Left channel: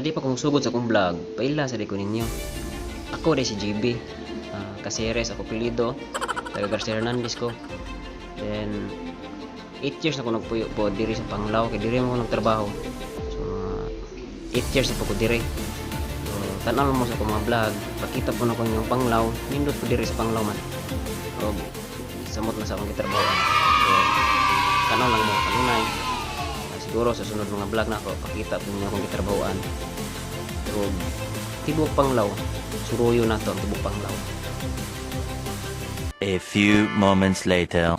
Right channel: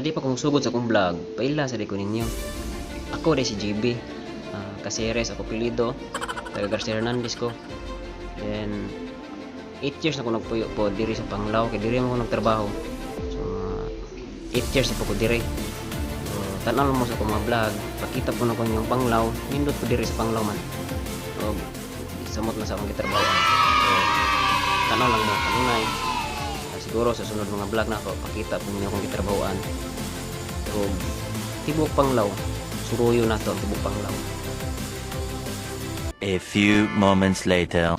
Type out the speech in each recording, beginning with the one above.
Sa di pa kong sugod sa akong vlog, paila sa di ko ninyo. Ako di si GB. Caceres ako pilido. Taga Garcia Hernandez ko. Then 8 years na ako nagpuyo po diri sa Panglao kay diri mo ako nagtrabaho. So 8 years na po ko diri. So tanaw mo sa akong mga vlog, pakita po na ko yung Panglao, nindot po diri sa Panglao man. So samot na sa akong gitrabahoan. So tanaw lang mo kanunay. Siguro sa sunod mga vlog na ako pakita po ninyo akong gitrabahoan. Pero tibok Panglao, suruyo na to ang tibok Panglao. A few moments later.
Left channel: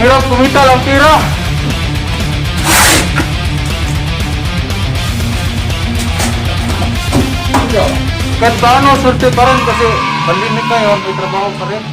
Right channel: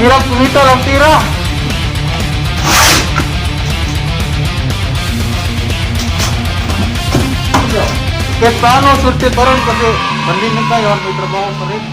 Hirap kumita lang tira. Kahit paano, surte pa rin kasi pandemic ngayon, may trabaho pa rin.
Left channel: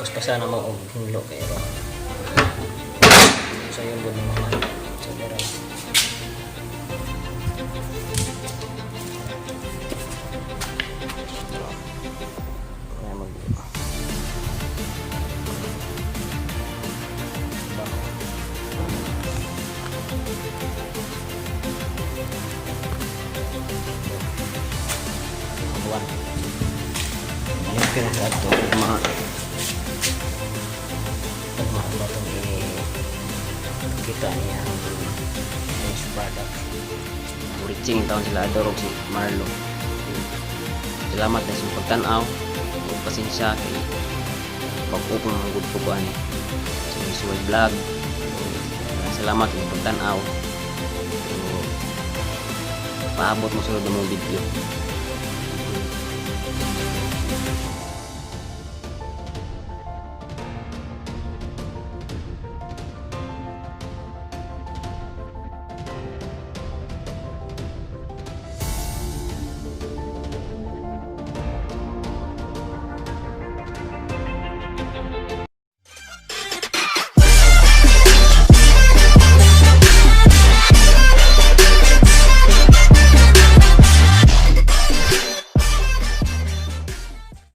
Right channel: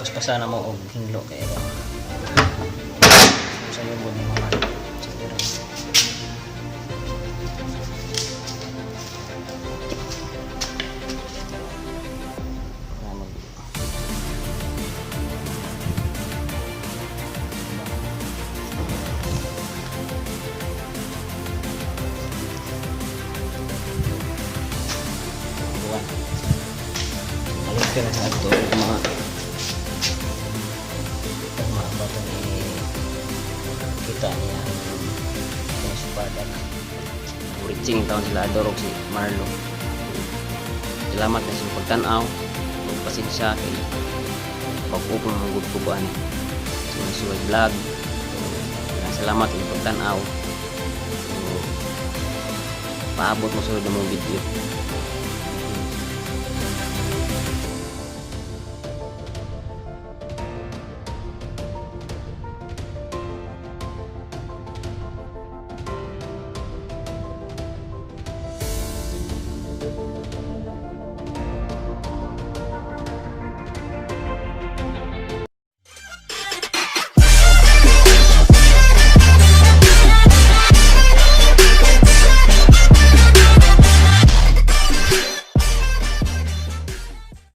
Paspasan na mo og hinlo kay sa yung bod ni mama sa diray. Balik ka na sa ato mga batong kita niya ang finished product. Reaching taon sila adorog si Marlo. Salamat na sa pagtanaw. Pasensya kay pag-upong ng good po ani. Suway vlog. Salamat sa pagtanaw. Paabot mo sulod ng mga video.